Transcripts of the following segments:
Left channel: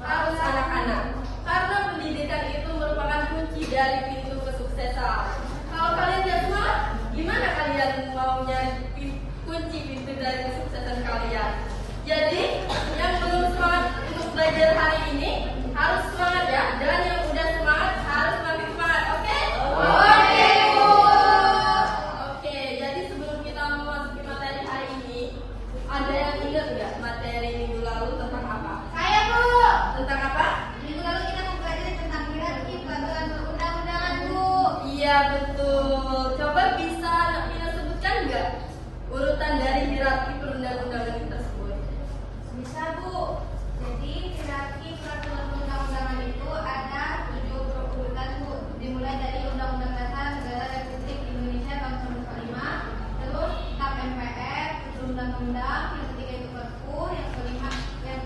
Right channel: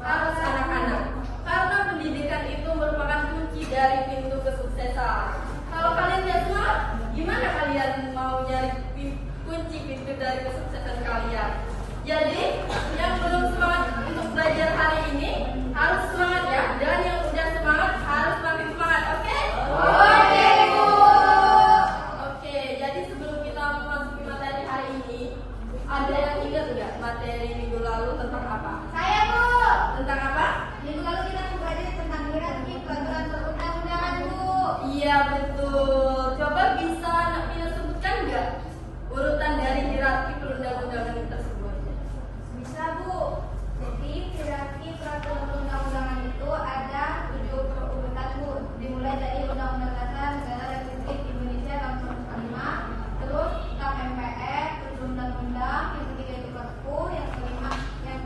harus anak-anak. Karena pendidikan itu merupakan kunci dari pintu kesuksesan. Kalau kalian tidak semangat, gimana kalian mau mencari kunci pintu dari kesuksesan kalian? Jadi, yang belum semangat untuk belajar hari ini harus semangat ya, dan yang udah semangat harus makin semangat, oke? Oke, Bu. Oke, jadi sebelum kita memasuki materi hari ini, ada yang ingat nggak materi minggu lalu tentang apa? Saya, Bu. Tentang apa? Minggu lalu kita mempelajari tentang hierarki peraturan perundang-undangan, Bu. Iya, betul. Coba bisa anak Pina sebutkan nggak urutan dari hierarki perundang-undangan tersebut? Bisa, Bu. Jadi hierarki peraturan perundang-undangan itu ada 7 urutan, Bu. Dimulai dari Undang-Undang Dasar Negara Republik Indonesia tahun 1945, terus Tap MPR, terus undang-undang, yang ketiga itu Perpu, yang kelima yang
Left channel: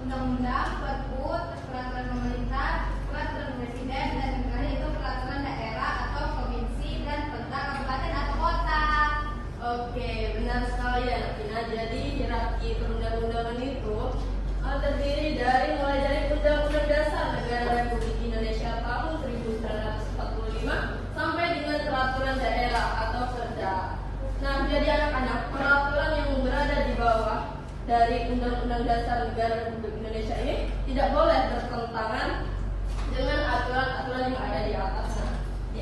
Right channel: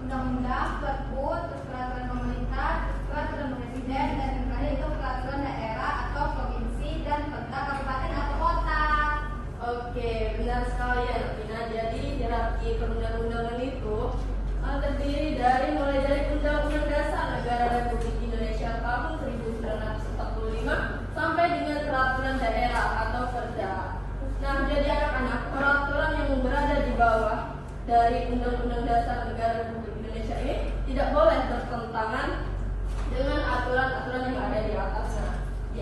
undang-undang, Perpu, terus peraturan pemerintah, peraturan presiden, dan yang terakhir itu peraturan daerah atau provinsi dan kota, kabupaten atau kota. Oke, benar sekali ya, Pina. Jadi hierarki perundang-undangan itu terdiri dari mulai dari Undang-Undang Dasar Negara Republik Indonesia tahun 1945 sampai dengan peraturan daerah atau Perda. Nah, jadi anak-anak, peraturan yang berada di bawah dari Undang-Undang Dasar Negara Republik Indonesia ini tidak boleh bertentangan dengan aturan-aturan yang ada di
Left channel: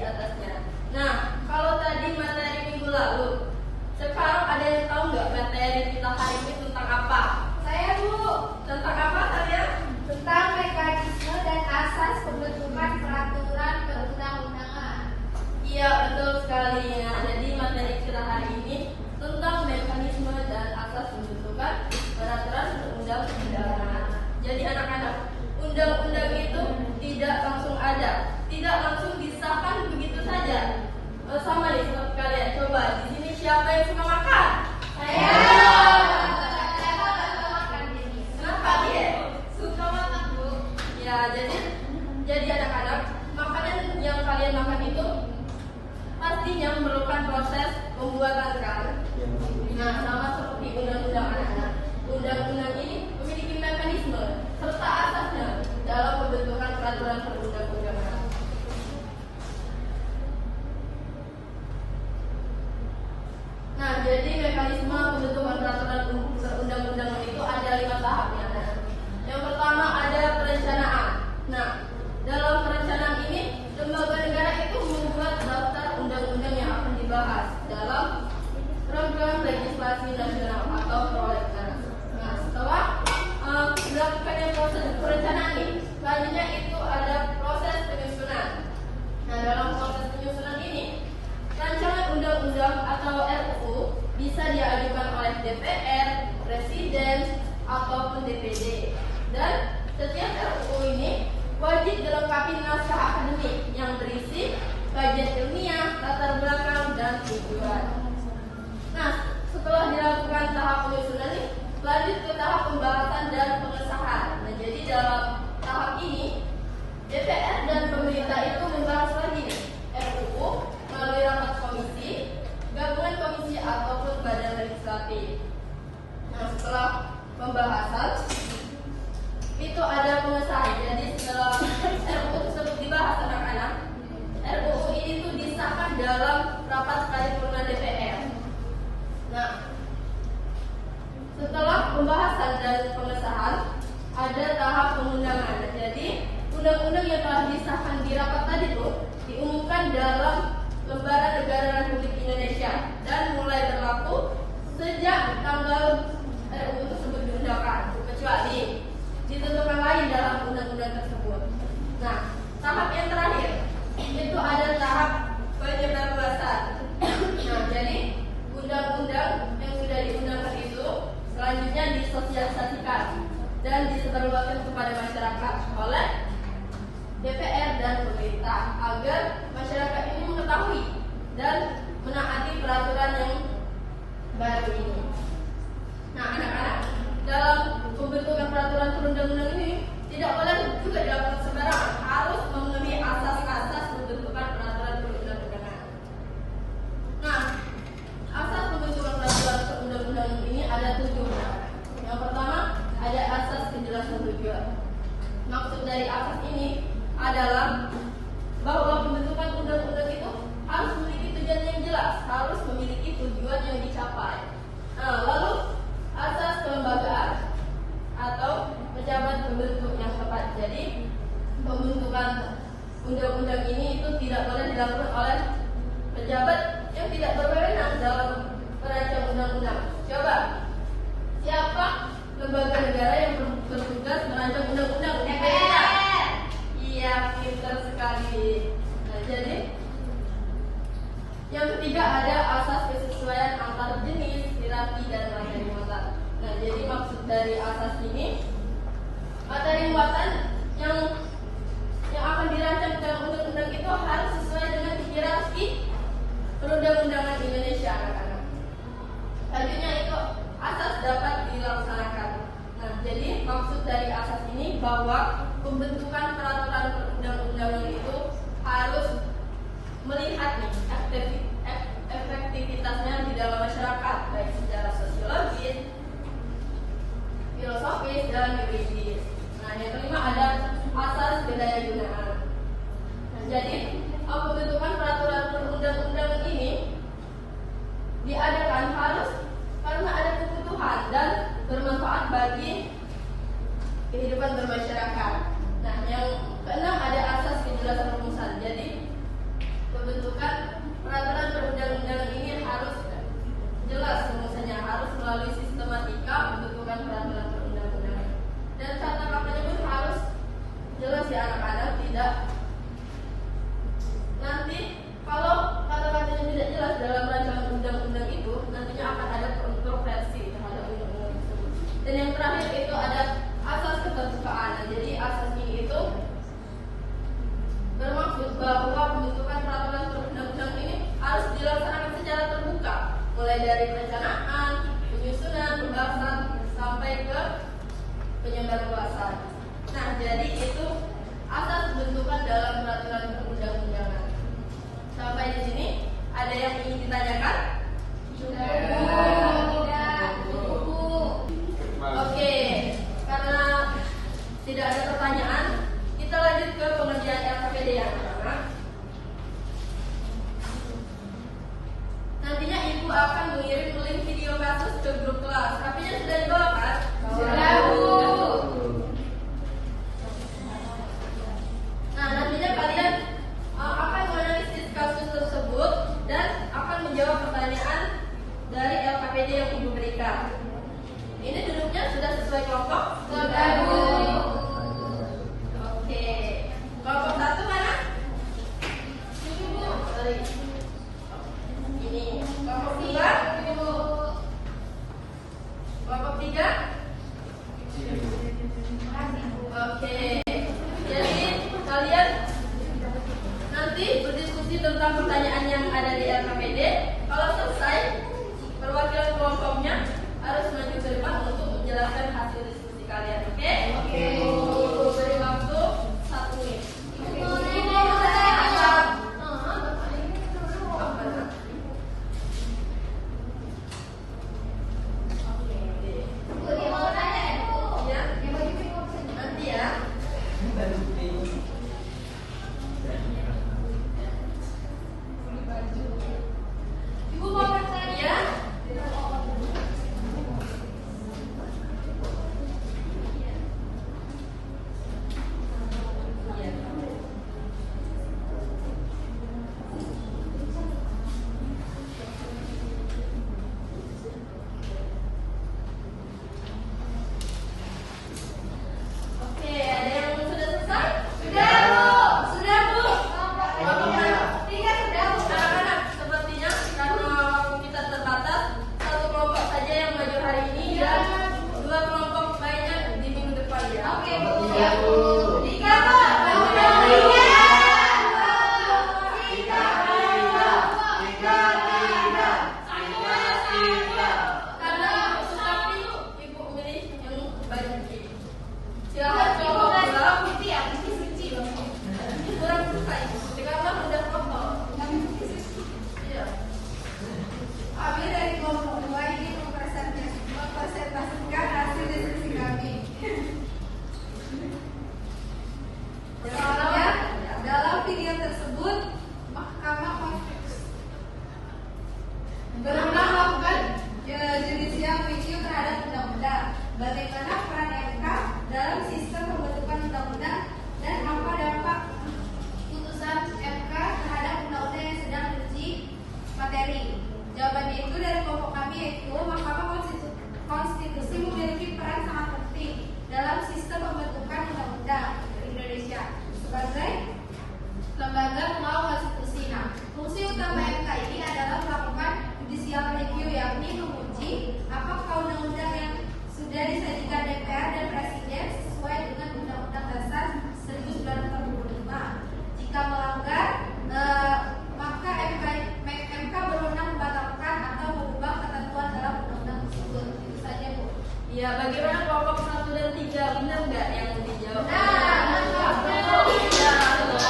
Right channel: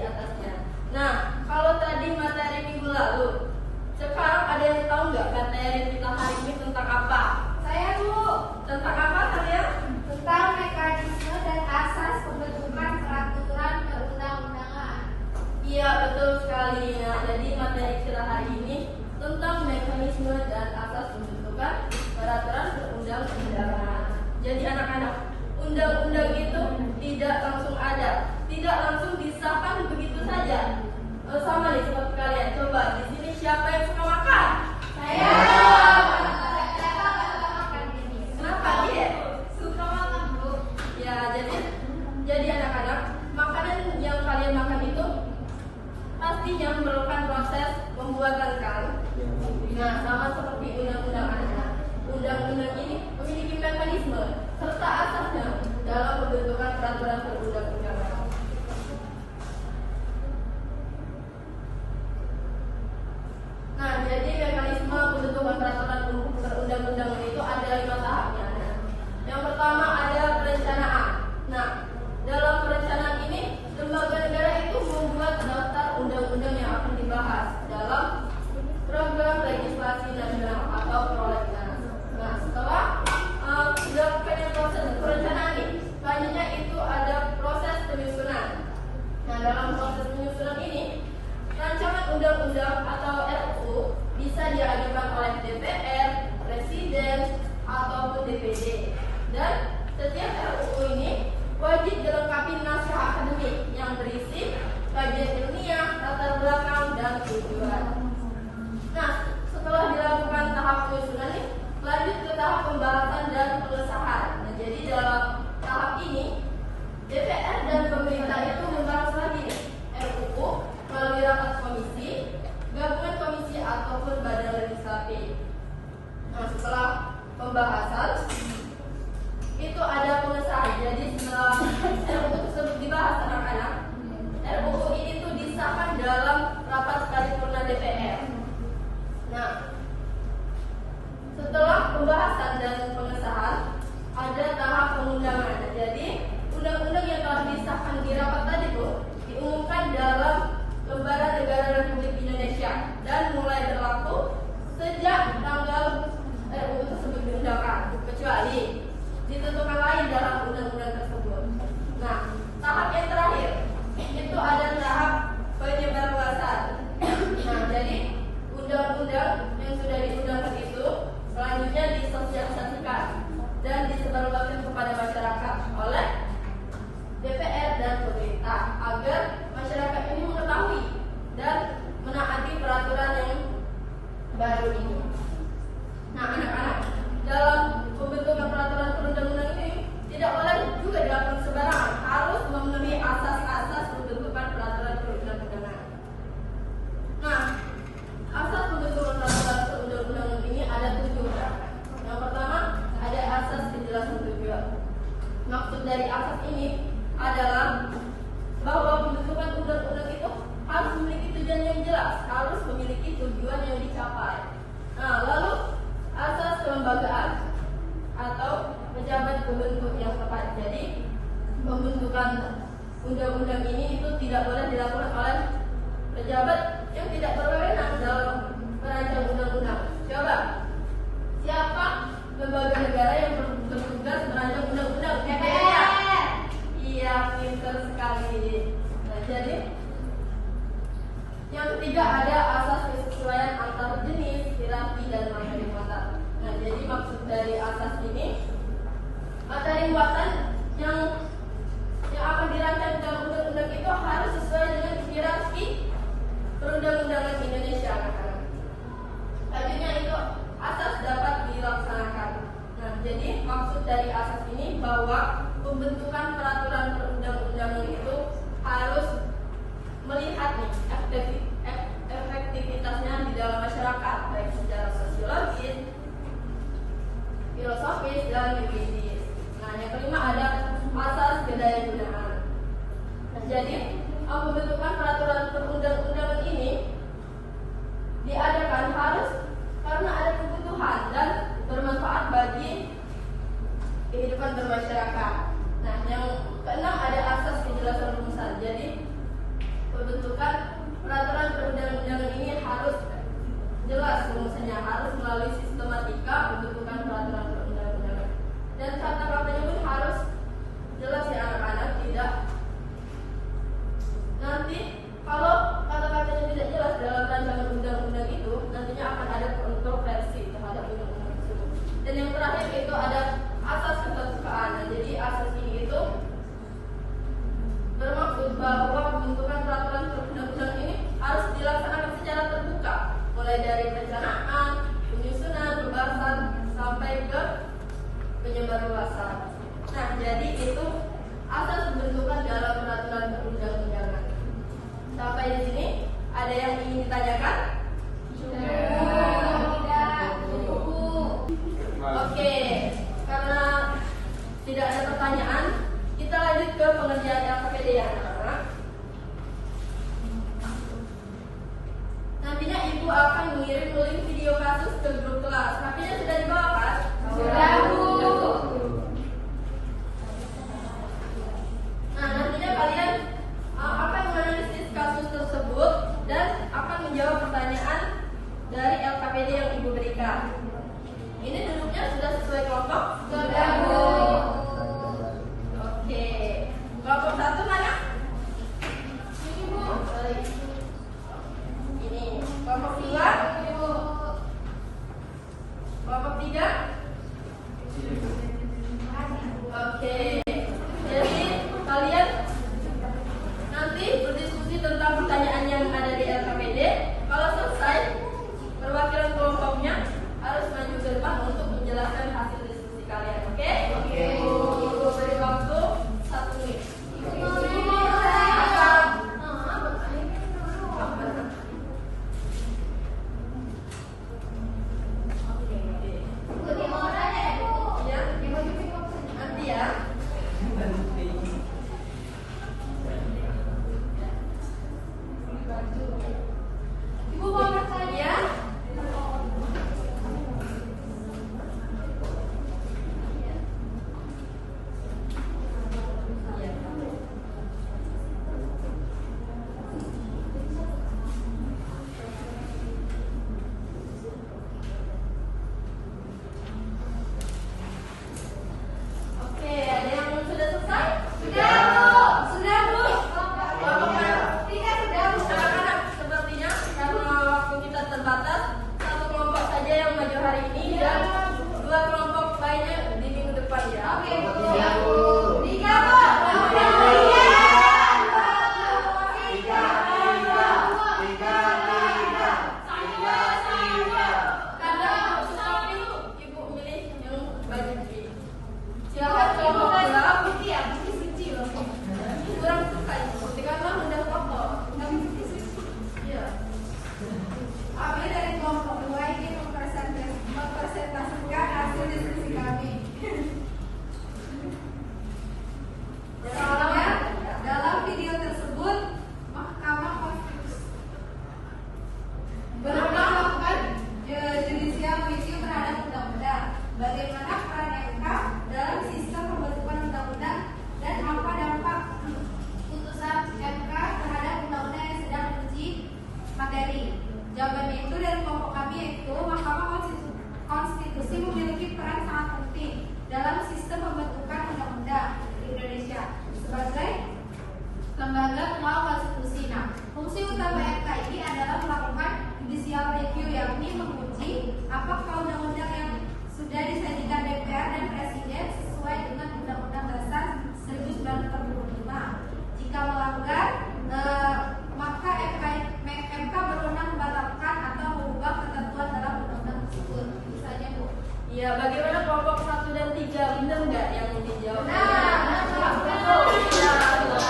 atasnya. Nah, kalau tadi materi minggu lalu, sekarang ada yang tahu nggak materi kita hari ini tentang apa? Saya, Bu. Tentang apa kalian? Tentang mekanisme dan asas pembentukan peraturan perundang-undangan. Iya, betul sekali. Nah, jadi materi kita hari ini tentang mekanisme dan asas pembentukan peraturan perundang-undangan. Jadi anak-anak, undang-undang itu tidak langsung ada, tidak langsung disahkan begitu saja. Sama nih seperti kalian. Coba di sini siapa yang suka makan? Saya. Kenapa dia suka makan, Bu? Ya, jadi anak-anak, makanan yang kalian makan itu pastinya memerlukan proses pembuatan kan? Nah, sama seperti undang-undang anak-anak. Undang-undang ini memiliki mekanisme serta asasnya dalam pembentukan peraturan perundang-undangan. Nah, jadi mekanisme pembentukan peraturan perundang-undangan itu ada 5 tahapnya. Nah, yang pertama ada perencanaan. Nah, dalam perencanaan ini, lembaga negara itu membuat daftar undang-undang yang akan dibahas dalam program legislasi nasional atau prolegnas. Nah, setelah dilakukannya proses perencanaan ini, selanjutnya itu ada proses penyusunan. Nah, dalam proses penyusunan ini, rancangan undang-undang atau RUU bisa diajukan oleh DPR, Presiden, ataupun DPD. Dan setiap RUU ini wajib dilengkapi naskah akademik yang berisi kajian ilmiah, latar belakang, dan tujuan. Nah, setelah dilakukan tahap penyusunan ini, lanjut ke tahap pembahasan dan pengesahan. Nah, jadi dalam tahap ini, DPR dan pemerintah itu membahas lagi nih, RUU melalui rapat komisi, gabungan komisi ataupun badan legislatif. Nah, setelah pembahasan itu ada pengesahan. Jadi setelah RUU tersebut dibahas anak-anak, RUU ini tuh disahkan dalam rapat paripurna DPR. Nah, setelah pembahasan dan pengesahan ada tahap pengundangan. Jadi undang-undang yang telah disahkan di rapat tadi tuh diumumkan dalam Lembaran Negara Republik Indonesia dan mulai berlaku sejak tanggal RUU tersebut diundangkan, kecuali ditentukan lain dalam undang-undang tersebut. Nah, tahap yang terakhir itu ada tahap penyebarluasan. Nah, jadi undang-undang yang sudah diundangkan itu selanjutnya disosialisasikan dan disebarluaskan kepada masyarakat oleh DPR dan pemerintah agar masyarakat ini mengetahui dan menaati peraturan yang baru ini. Nah, anak-anak, dalam pembentukan peraturan perundang-undangan ini tidak boleh juga dilakukan sembarangan, harus memenuhi asas-asas pembentukan peraturan perundang-undangan. Nah, asas pembentukan peraturan perundang-undangan ini ada 7. Yang pertama ada asas kejelasan tujuan. dari asas ini adalah bahwa pembentukan undang-undang itu harus memiliki tujuan yang jelas, harus memiliki tujuan yang dicapai. Nah, lalu asas kelembagaan atau pejabat pembentuk yang tepat. Jadi pembentukan undang-undang ini itu tidak boleh dilakukan oleh pejabat yang tidak berwenang dalam merancang undang-undang. Coba, siapa lembaga negara yang bertugas merancang undang-undang? DPR. Iya, pintar sekali. Nah, jadi yang ketiga ada asas kesesuaian antara jenis, hierarki, dan materi muatan. Nah, jadi maksud dari asas ini, materi muatan yang akan dirancang dalam undang-undang itu harus sesuai dengan hierarki perundang-undangan Indonesia. Selanjutnya itu asas dapat dilaksanakan. Nah, jadi maksud dari asas ini bahwa pembentukan peraturan perundang-undangan itu harus melihat nih efektivitasnya di dalam masyarakat, baik secara sosiologis, filosofis, dan yuridis. Nah, yang kelima ada asas kedayagunaan. Nah, jadi pembentukan peraturan perundang-undangan ini diadakan harus karena ada kebutuhan dan bermanfaat bagi kehidupan bermasyarakat. Nah, yang keenam ada asas kejelasan rumusan. Jadi pembentukan peraturan perundang-undangan ini harus jelas rumusannya, harus melalui sistematika pembentukan peraturan perundang-undangan. Dan kata katanya pun harus jelas ya anak-anak, tidak nanti kalau kata-katanya tidak jelas dalam rancangan undang-undang itu nantinya akan ada kontroversi terhadap undang-undang tersebut. Dan yang terakhir itu ada asas keterbukaan. Nah, jadi asas ini itu bermaksud bahwa pembentukan peraturan perundang-undangan ini harus dilaksanakan secara terbuka, mulai dari perencanaan, penyusunan, pembahasan sampai ke penyebarluasan. Nah, jadi itu asas pembentukan dalam peraturan perundang-undangan. Sampai di sini ada yang ingin ditanyakan? Oke, karena tidak ada pertanyaan, kita lanjut ke pengerjaan LKPD yang pertama. Nantinya ibu akan mengirim link video kasus ke grup kelas. HP-nya sudah dibawa kan? Sudah, Bu. Nah, nantinya kalian akan menganalisis kasus tersebut dan akan menjawab pertanyaan dari LKPD yang ibu berikan. Ini duduknya sudah sesuai kelompok? Sudah, Bu. Oke. Kelompok satu mana? Ini, Bu. Sorry. Ini. Kelompok dua? Ibu. Kelompok tiga? Oke. Jadi kalian nanti berdiskusi tentang pertanyaan yang ada di LKPD. Kalau selesai, perwakilan kelompoknya harus maju ke depan untuk menjelaskan hasil diskusi kalian. Oke? Oke. Ibu beri waktu 1 menit. Ibu mau saya apa? Ibu mau nanya ya, Bu? Iya. Ibu mau Nanti ya. Ibu mau bertanya? Oke, ada yang sudah selesai? Sudah, Bu. Sudah, Bu. Tiga sudah, Bu. Anak-anak, sepertinya karena waktu kita terbatas, satu kelompok saja yang maju hari ini dan dua kelompok lainnya di minggu depan ya. Oke, Bu. Tiga, Bu. Tiga, Bu. Karena tetapi ibu milih yang baju putih. Silakan kelompok dua. Putih ya, putih suci loh. Kurang suka ibu, karena udah kotor. Iya. Kami dari kelompok 2 ini mempresentasikan hasil diskusi kami. benar nggak yang dijawab? betul. Ya, betul.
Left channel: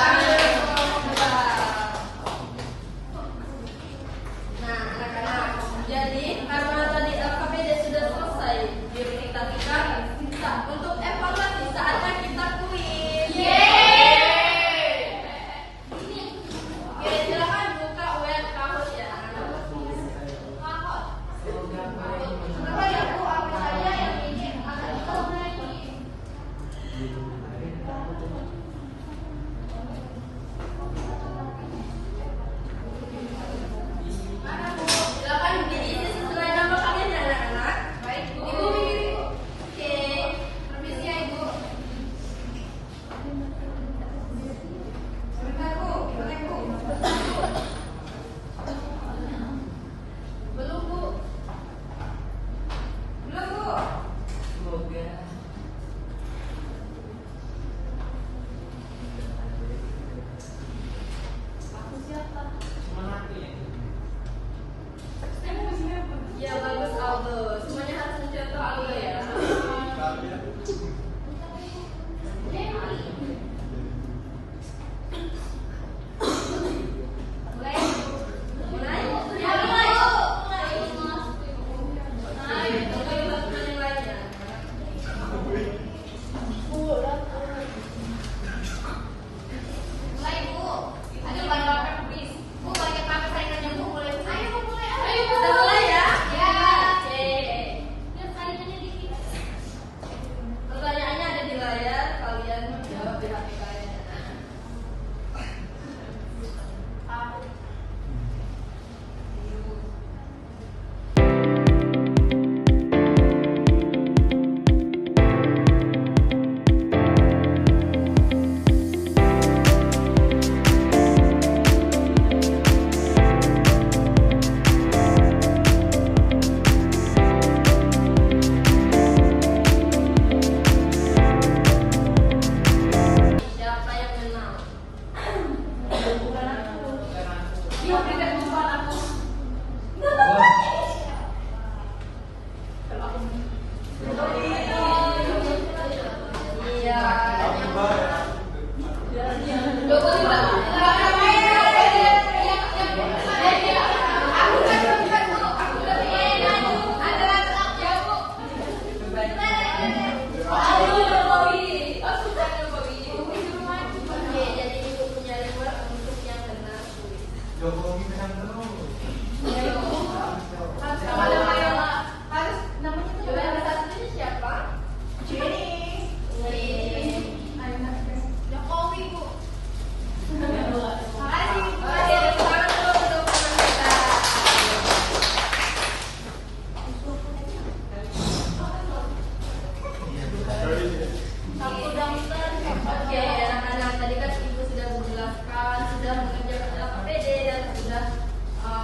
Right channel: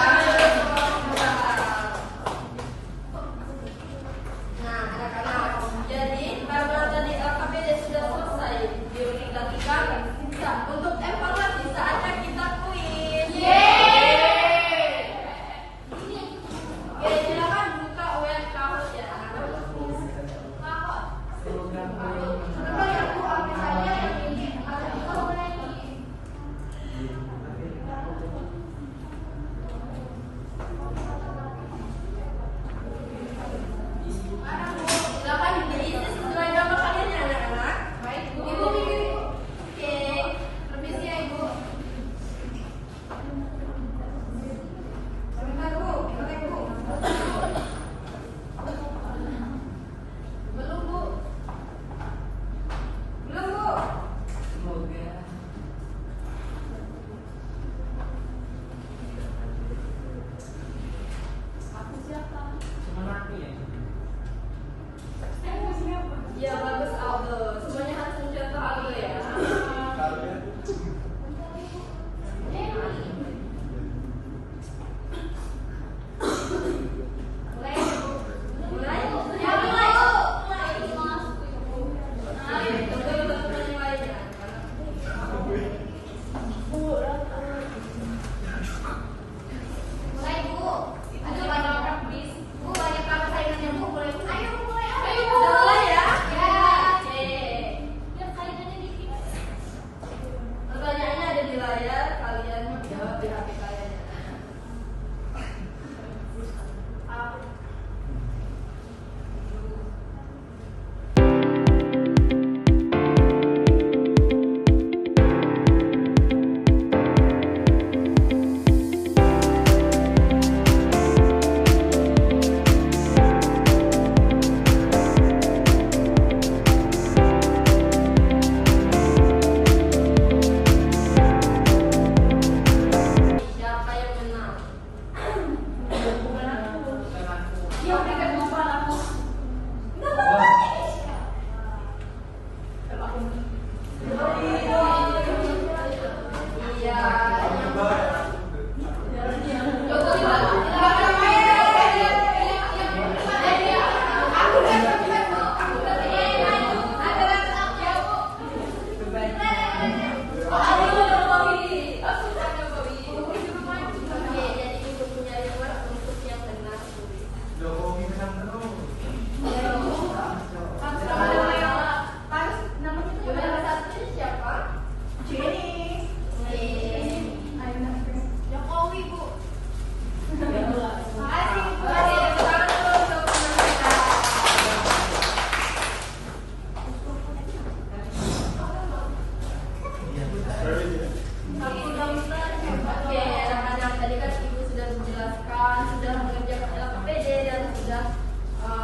Nah, anak-anak, jadi karena tadi LKPD sudah selesai di unit ketiga, untuk evaluasi saatnya kita kuis. Oke, silakan buka UL Kahoot ya anak-anak. Coba ya Bu, aku saya yang ini ada lagi. Mana Bu? Silakan diisi sesuai nama kalian ya anak-anak. Baik Bu. Ibu Mimi. Oke. Permisi ya Ibu. Sebentar Bu, boleh Bu. Belum Bu. Belum Bu. Aku siapa? Saya mau siapa? Ya bagus Aldo. Semuanya harus mencontoh Aldo ya. Mulai. Mulai. Ya mulai Bu. Ayo, coba dilakukan yang lainnya. Mulai Bu. Aduh banyak orang please. Bu banyak banget saingannya Bu. Mulai. Ayo Bu mulai. Ayo Bu. Udah mulai ya? Ya. Oke. Lihat saingannya dikit. Pertanyaannya ada di layar, kalian jawab di HP kalian. Siapa yang menang? Bukan aku. Ya berikan bukan aku. Iya. Oke, jadi ibu punya reward untuk yang benar. Juara satu siapa? Jokowi Bu. Makasih, Bu. Tepuk tangan dulu untuk teman kita. Oke, anak-anak tadi kan ibu sudah menjelaskan, sudah mengerjakan LKPD dan sudah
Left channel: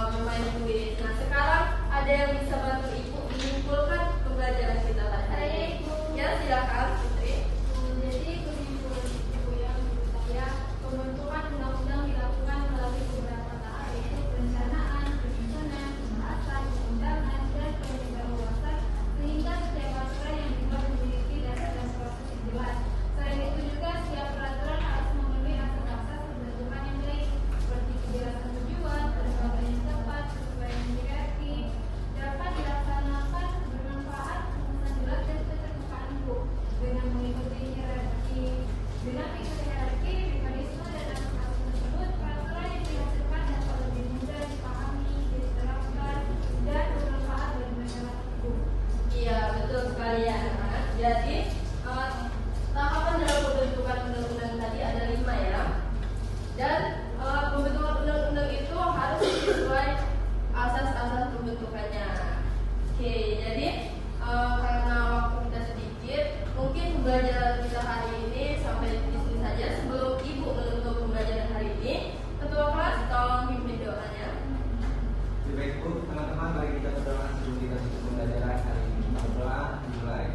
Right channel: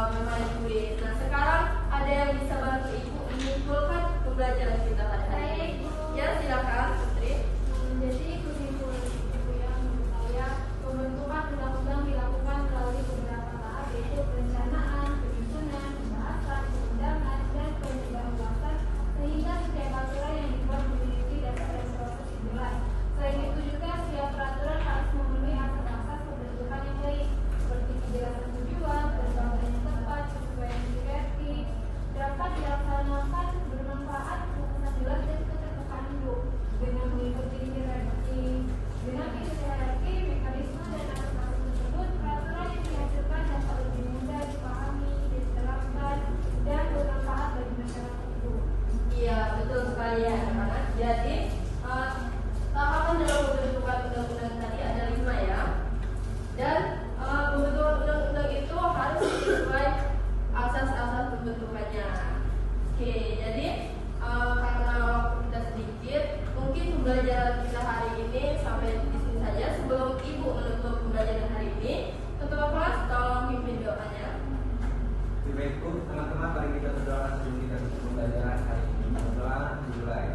bermain kuis. Nah, sekarang ada yang bisa bantu ibu menyimpulkan pembelajaran kita pada hari ini. Ya, silakan, Putri. Jadi kesimpulan Ibu yang menurut saya pembentukan undang-undang dilakukan melalui beberapa tahap yaitu perencanaan, penyusunan, pembahasan, pengundangan, dan penyebarluasan sehingga setiap aturan yang dibuat memiliki dasar-dasar kesimpulan. Selain itu juga setiap peraturan harus memenuhi asas-asas pembentukan yang baik seperti kejelasan tujuan, penerbangan yang tepat, sesuai hierarki, dapat dilaksanakan bermanfaat, keputusan jelas dan keterbukaan hidup dengan mengikuti hierarki. Dengan mengikuti hierarki, mekanisme dan asas-asas tersebut, peraturan yang dihasilkan dapat lebih mudah dipahami, diterapkan, dan bermanfaat bagi masyarakat itu. Iya, betul sekali ya anak-anak. Jadi, tahapan dalam pembentukan undang-undang tadi ada 5 ya. Dan pembentukan undang-undang itu harus sesuai asas-asas pembentukannya. Oke, jadi karena waktu kita sedikit, mungkin pembelajaran kita hari ini sampai di sini saja. Sebelum ibu menutup pembelajaran hari ini, ketua kelas tolong pimpin doanya. Baik Bu, teman-teman mari kita berdoa sebelum kita tutup pembelajaran hari ini. Berdoa dimulai.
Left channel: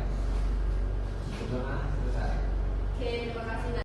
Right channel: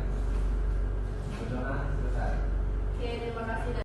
Berdoa.